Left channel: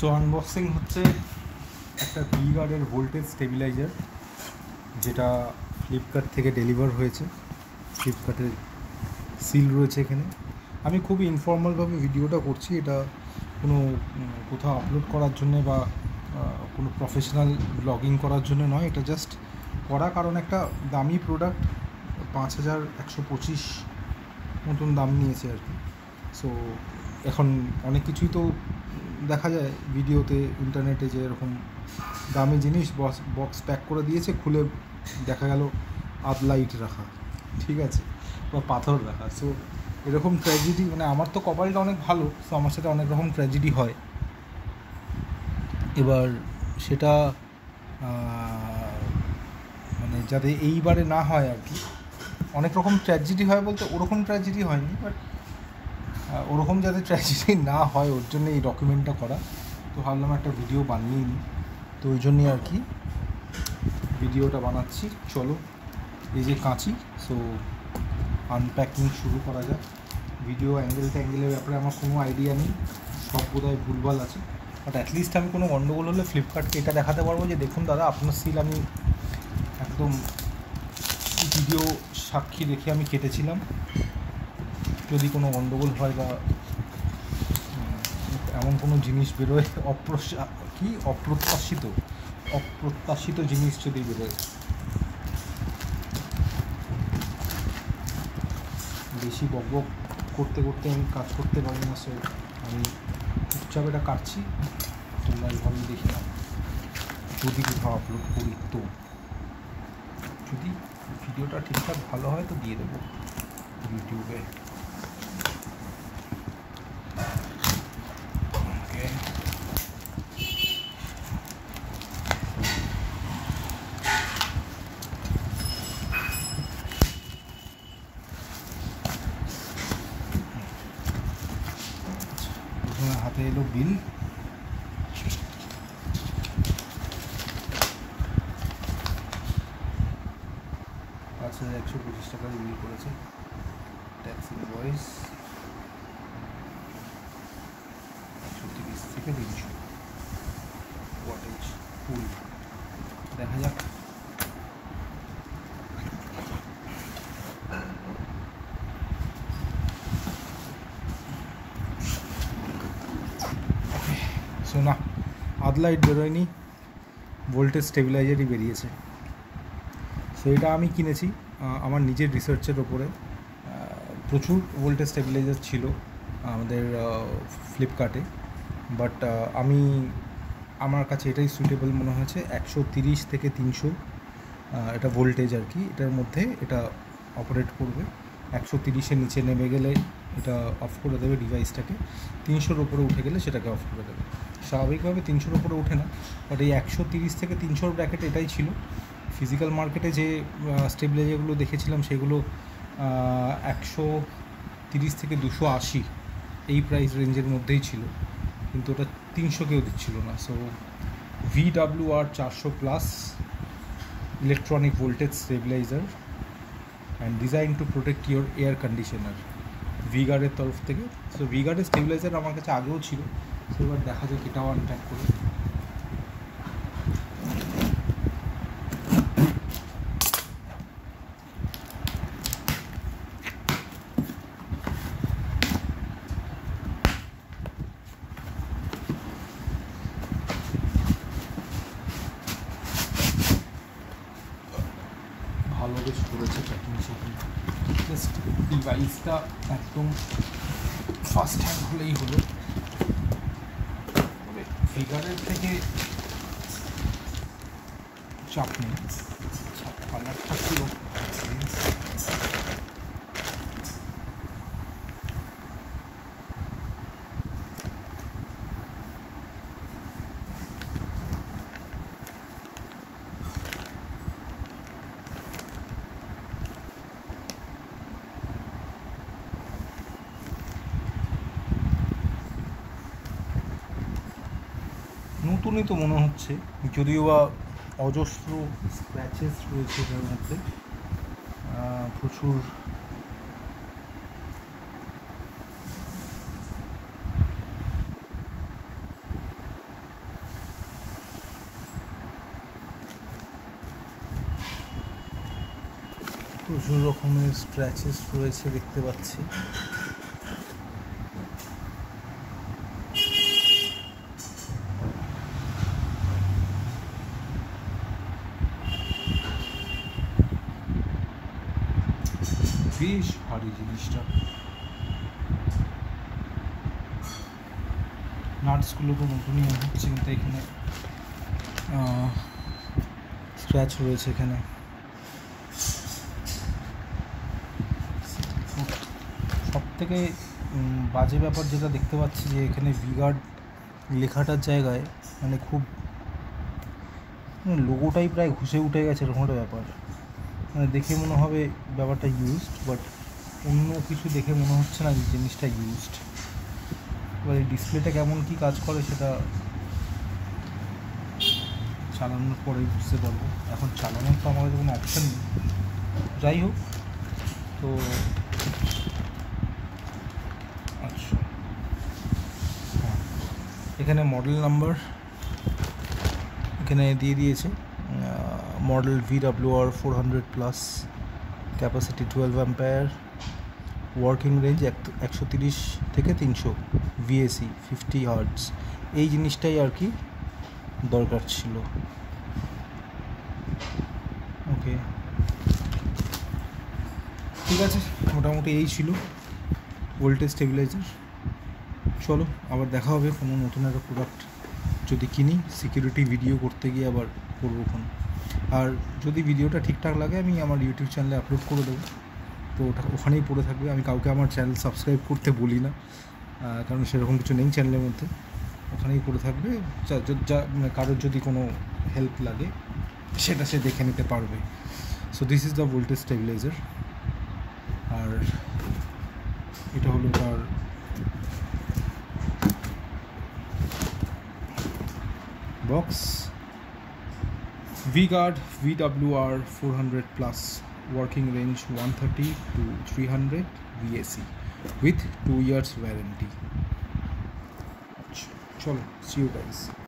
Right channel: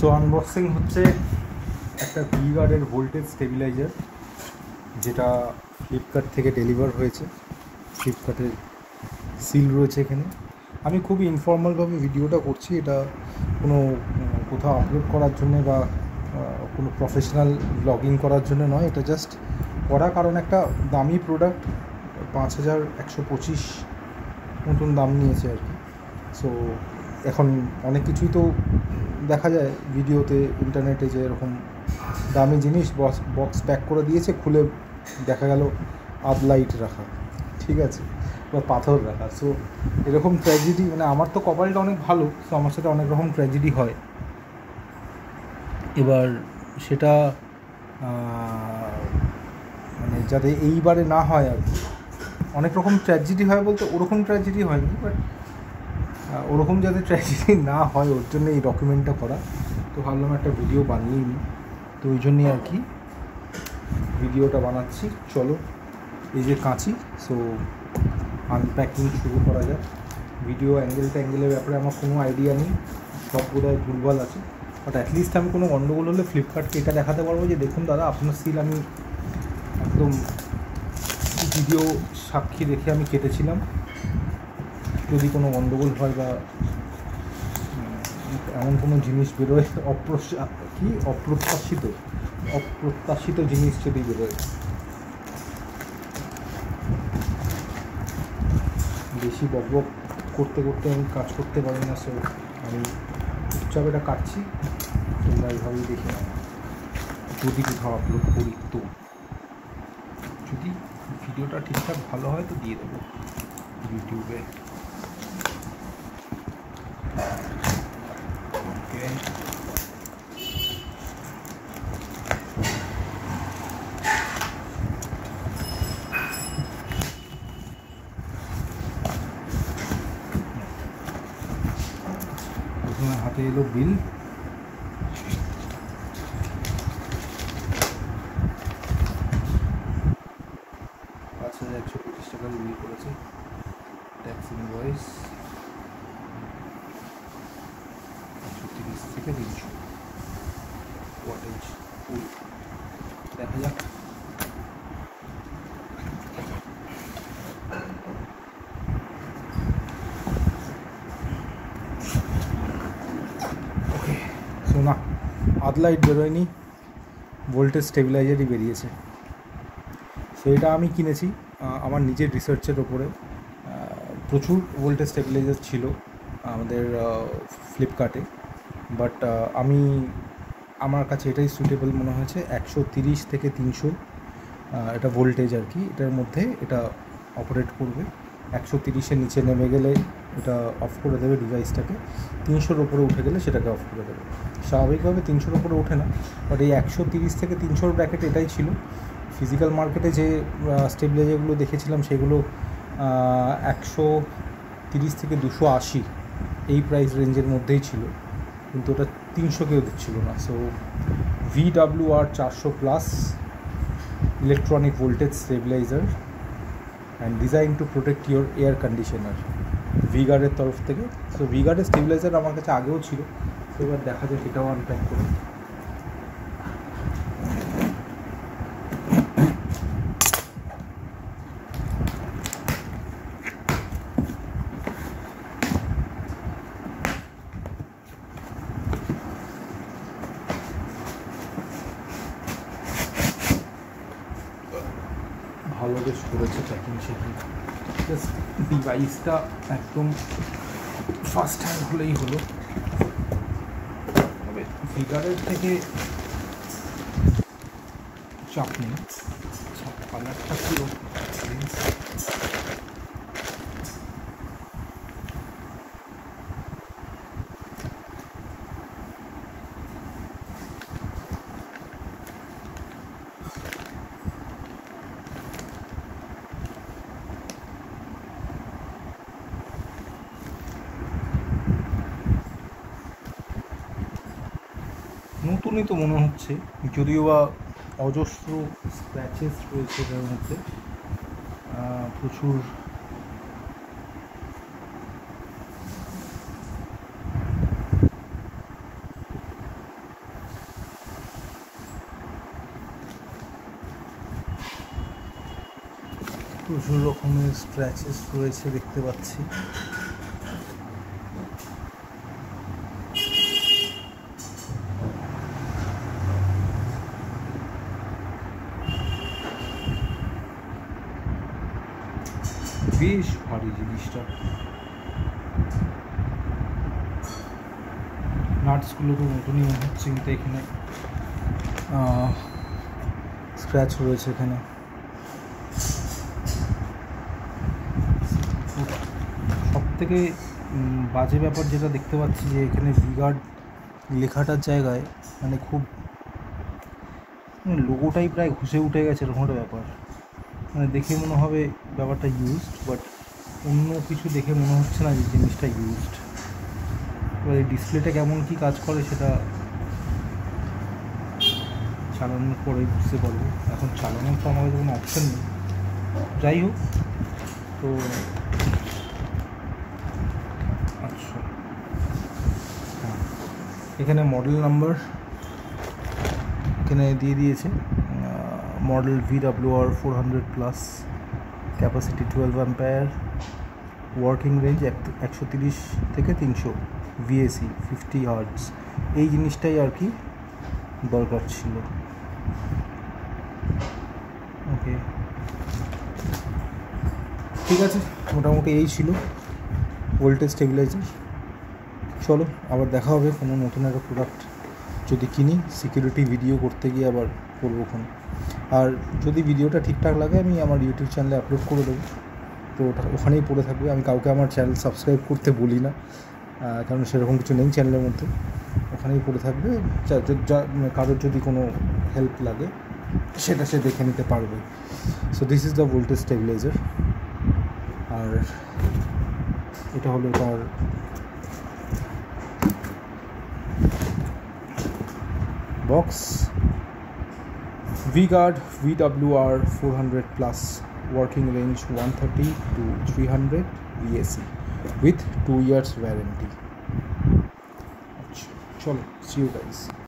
So unboxing হচ্ছে একটা ভিগার্ডের voltage stabiliser, যেটা ফ্লিপকার্ট থেকে ডেলিভার হয়েছে। ফ্লিপকার্টের সিল রয়েছে এখানে। আমি খুবই ইনফর্মালভাবে ভিডিওটা করছি, এটা কোনো কোথাও আপলোড করার জন্য বা কোনো প্রফেশনাল ব্লগিং করার জন্য নয়। এটা জাস্ট করা কারণ একটা দামি প্রোডাক্ট 5125 মতন দাম নিয়েছে আর কি। সো এখন অনেক কিছুই তো দেখা যায় ভিডিওতে, ইন্টারনেটে, যে এরকম দামি জিনিস বক্স প্যাক করে দিয়েছে, খুলে দেখা গেল লাইট রাখা, ঠিক আছে, বা পাথর রাখা। সো এরকম ট্র্যাজেডি, মানে আমার তো কপালটা অনেক ভালো, সো আমার সাথে অনেক রকম ট্র্যাজেডি হয়। এবার সেটা মানে যাতে এইবারে না হয় আর কি। অনেক রকম ট্র্যাজেডি হয় বলতে ওরকম ট্র্যাজেডি হয়নি, বাট ওরকম যাতে ট্র্যাজেডি না হয় ওর জন্য এই ডকুমেন্টটা করা। তো ভাবলাম একটা ভিডিও বানিয়েই নিই, তো ওই জন্যই আর কি ভিডিওটা বানাচ্ছি। চলো, এই যে কাঁচি, সো আনপ্যাকিং শুরু করা যাক। ভিডিও অ্যাঙ্গেলের ব্যাপারে আমার কোনো আইডিয়া নেই, সব বোধহয় ভুলভাল আছে, বাট অ্যাটলিস্ট আমি কোনো গণ্ডগোল হলে ফ্লিপকার্টকে এটা দেখাতে পারবো যে দেখুন দাদা, আপনার সিল আমি একদম ভিডিও সাক্ষী রেখে আমি কেটেছিলাম। যদি কোনো গণ্ডগোল হয় বা এমন কোনো জিনিস বেরোয়, অপ্রত্যাশিত জিনিস যদি বেরোয়। বেশি বকবক করতে করতে আমি কাজ করতে পারি না, সো আমি চুপচাপ এটা কাটছি। তোমরা এইভাবেই দেখে নাও, যদি কোথাও আপলোড করি, তো যদি ভিডিওটা ঠিকঠাক ভালো হয় তো দিয়ে দেবো ইউটিউবে। হাতে এলো বিল, 5125 টাকার বিল করেছে। ট্যাক্স ইনভয়েস 130 থেকে 300 ওয়াটেজ ফুল। দেখা যাক। শোনা, লাইট বেরোয়নি, ভোল্টেজ স্টেবিলাইজারই বেরিয়েছে। সো এটা আমি কিনেছি আমার নিজের রিসার্চের ওপরে। প্রচুর ভোল্টেজ স্টেবিলাইজার ছিল আমাদের ফ্লিপকার্টে, বাট আমার কাছে এটাই সুটেবল মনে হয়েছে। 130 থেকে 300 এটা ভোল্টেজ আর কি, এটার মধ্যে এটা অপারেট করবে। 130-এর নিচে নেমে গেলে এটা অফ করে দেবে ডিভাইসটাকে, 300-র উপরে উঠে গেলে সেটাকে অফ করে দেবে। স্বাভাবিকভাবে 300-র উপরে ওঠে না, বাট এই 130 থেকে 300-র ব্র্যাকেট এটাই ছিল। ফিজিক্যাল মার্কেটে যে স্টেবিলাইজারগুলো দেখেছিলাম সেগুলো 130 থেকে 280 এই প্রাইস রেঞ্জের মধ্যেই ছিল, কিন্তু ওটা 300 কেউ দিচ্ছিল না। So VWR 400+ electronic voltage stabiliser and design to protect your air conditioner, ভিগার্ডের তরফ থেকে। সো ভিগার্ডের স্টেবিলাইজার আমার কাছে আগেও ছিল, সো এবার দেখা যাক এটাও আনপ্যাক করে। ভালো বেশ করেছে প্যাকিং সেকিং, জাস্ট ডিভাইসটা একদম ফার্স্ট হ্যান্ড হলেই হলো। তবে ভিগারের থেকে চাপ নেই, কালারটা পুরো নতুনই তো মনে হচ্ছে, যদিও বা অজস্র স্ক্র্যাচেস রয়েছে এর মধ্যে, প্রচুর প্রচুর রকমের স্ক্র্যাচেস রয়েছে দেখতে পাচ্ছি। বেশ ভারী জিনিসটা, নাটসগুলো তো নতুনই মনে হচ্ছে, কিন্তু এখানে স্ক্র্যাচ রয়েছে। এখানে সব থেকে বাজে ব্যাপার যেটা দেখতে পাচ্ছি যে এখানে ভিগার্ড লেখাটার জায়গায় মানে খুব লোগোটাই প্রায় ঘুষে উঠে গেছে, এরকম একটা ব্যাপার। মানে দেখে মনে হবে ব্যাপারটা ইউজড, বাট অন্য কিছু দেখে মনে হচ্ছে না যে জিনিসটা ইউজড। এবার এই ডিসপ্লেটা কেমন কী কাজ করে সেটা চালানোর পরে বুঝতে পারবো। এখন চালানোর তো আমাদের কোনো অপশান নেই। যাই হোক, তো আচ্ছা, এখানে মডেল নাম্বার এখানে দিয়ে দিয়েছে, model VWR 400+, capacity 12 umpire, working range 130 থেকে 300, VAC 50 হার্টজ। এই জিনিসটাই আর কি দরকার ছিল। ওকে, ঠিক আছে, মোটামুটি এই ছিল ভোল্টেজ স্টেবিলাইজার। চলো আবার দেখা হবে কোনো নতুন একটা প্রোডাক্ট যদি কিনি, সিকিউরিটি ভিডিও করতে গিয়ে আবার করবো ফোন। আর যদি ভিডিওটা ঠিকঠাক লাগে আমি আমার ইউটিউব চ্যানেলে আপলোড করে দেবো, তো ওটা ওখানেই পড়ে থাকবে। আমি কাউকে আমার চ্যানেল সাবস্ক্রাইব করতে বলি না, কারণ সেরকম কিছু নেই চ্যানেলের মধ্যে, ওখানেই পড়ে থাকবে। কারোর যদি কোনো হেল্প লাগে সেটা সে দেখে নিতে পারবে। So this is the voltage stabiliser. আর এটা হলো তার box, V-Guard VWR 400+, working range 130 to 300 VAC with 2 years warranty. Chalo, see you guys.